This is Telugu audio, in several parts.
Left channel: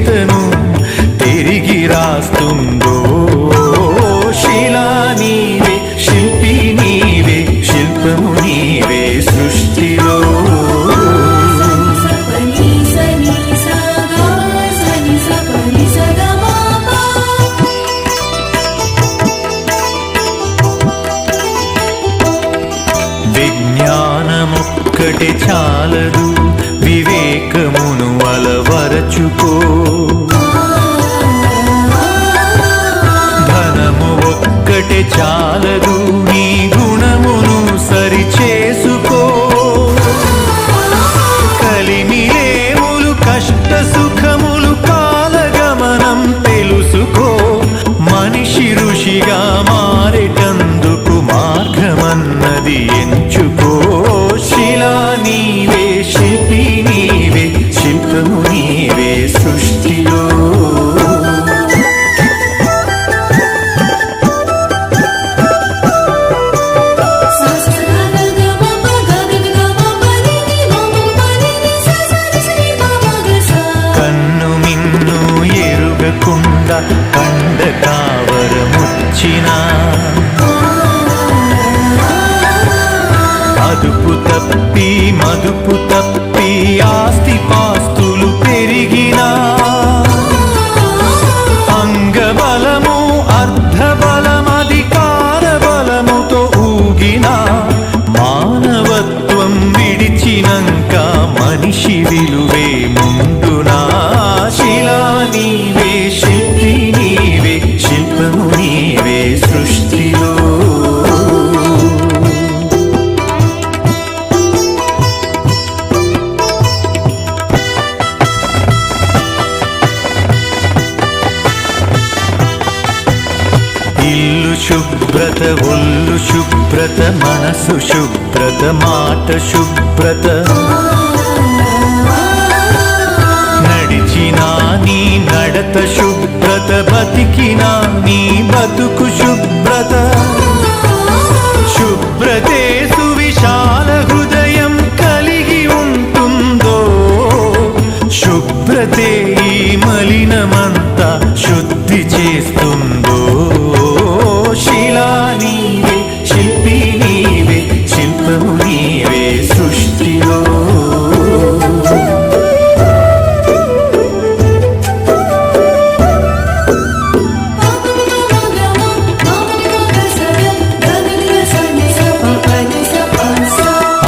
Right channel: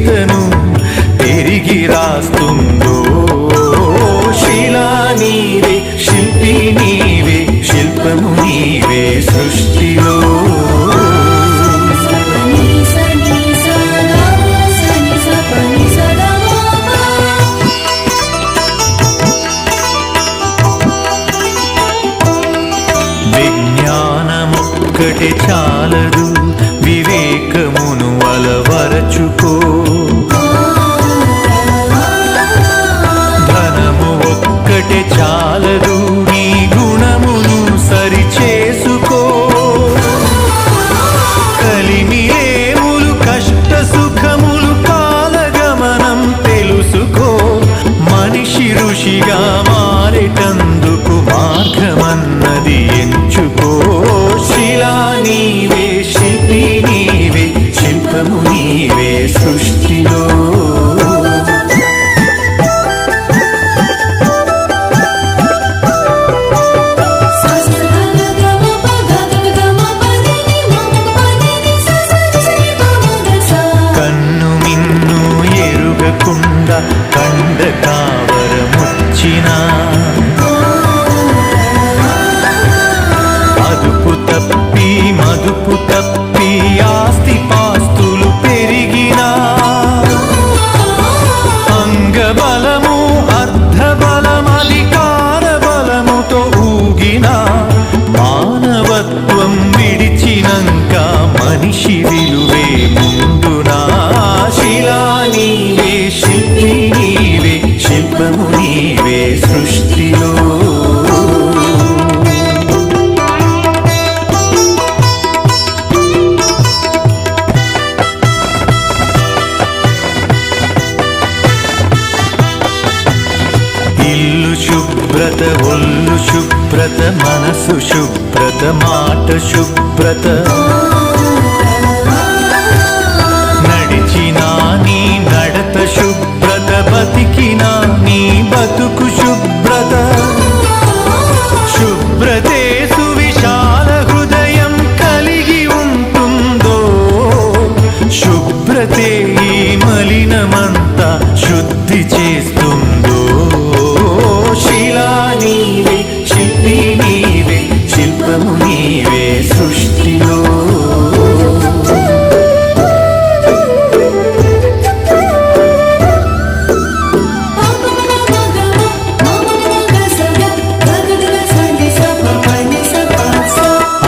చరితను తిరిగి రాస్తుందో. శిలా నీవే, శిల్పి నీవే, శిల్పము నీవే సృష్టిలో. విజ్ఞానమొక్కటే చాలదు, వివేకమును అలవరచుకో. ధనము ఒక్కటే చాలదు, నీ గుణమును సరిచేసుకో. కలిమిలేములు కష్ట సుఖములు కాలగమనం తెలుసుకో. మనిషి ఋషిగా మారేటందుకు మార్గమన్నది ఎంచుకో. శిలా నీవే, శిల్పి నీవే, శిల్పము నీవే సృష్టిలో. కన్ను మిన్ను ఎరుగకుండా కండ కావరముచ్చినా, అదుపు తప్పి మదుపు తప్పి ఆస్తి పాస్తులు పెరిగినా, అంగబలము అర్ధబలం అధికార బలముతో ఊగినా, మానవత్వం విడిచినంక మనిషి విలువే ముందునా. శిలా నీవే, శిల్పి నీవే, శిల్పము నీవే సృష్టిలో. ఇల్లు శుభ్రత, ఒళ్ళు శుభ్రత, మనసు శుభ్రత, మాట శుభ్రత. నడిచినా నీ నడత శుభ్రత, బతికినా నీ బతుకు శుభ్రత. శుభ్రతే సువిశాల హృదయం కలిగి ఉంటుందో. శుభ్రతే ఈ మలినమంతా శుద్ధి చేస్తుందో. శిలా నీవే, శిల్పి నీవే, శిల్పము నీవే సృష్టిలో.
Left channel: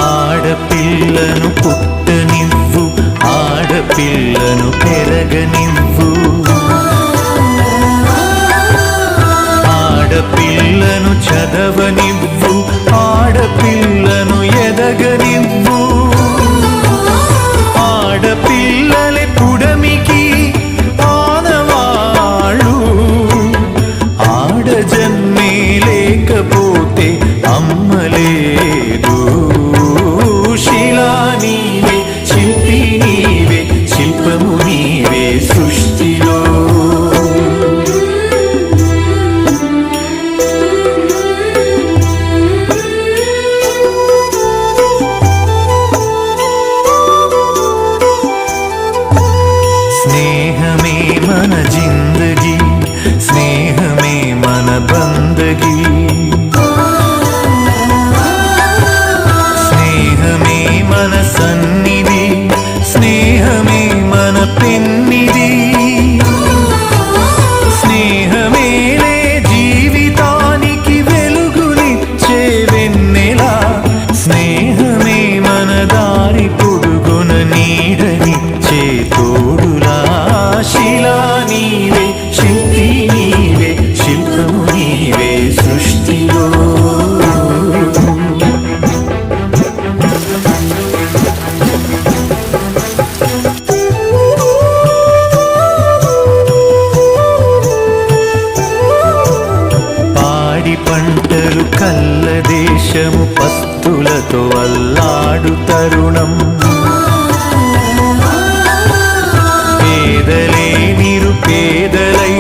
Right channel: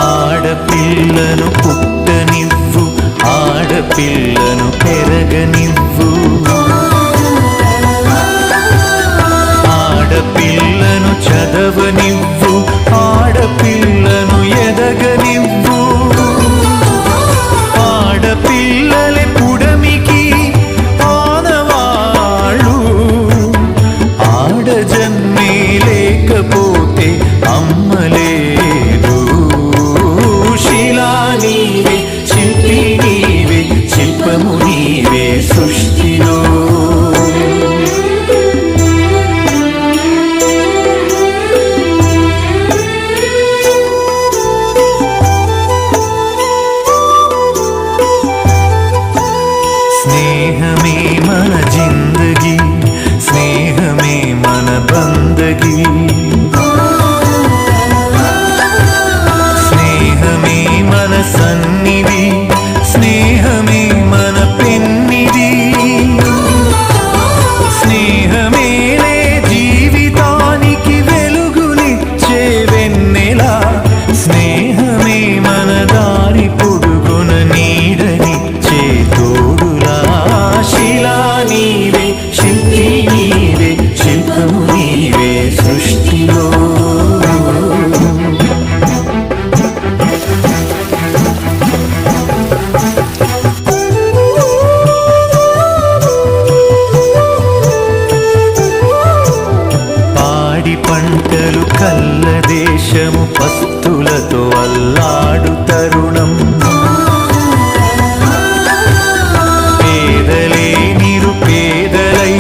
ఆడపిల్లను పుట్టనివ్వు, ఆడపిల్లను పెరగనివ్వు. ఆడపిల్లను చదవనివ్వు, ఆడపిల్లను ఎదగనివ్వు. ఆడపిల్లలే పుడమికి ఆనవాళ్ళు. ఆడజన్మే లేకపోతే అమ్మలేదు. శిలా నీవే, శిల్పి నీవే, శిల్పము నీవే సృష్టిలో. స్నేహమే మన జిందగీ, స్నేహమే మన బందగీ. స్నేహమే మన సన్నిధి, స్నేహమే మన పెన్నిధి. స్నేహమేలే జీవితానికి వెలుగునిచ్చే వెన్నెలా. స్నేహమే మన దారి పొడుగున నీడనిచ్చే తోడులా. శిలా నీవే, శిల్పి నీవే, శిల్పము నీవే సృష్టిలో. పాడి పంటలు కల్ల దేశము పస్తులతో అల్లాడు తరుణం. పేదలే నిరుపేదలై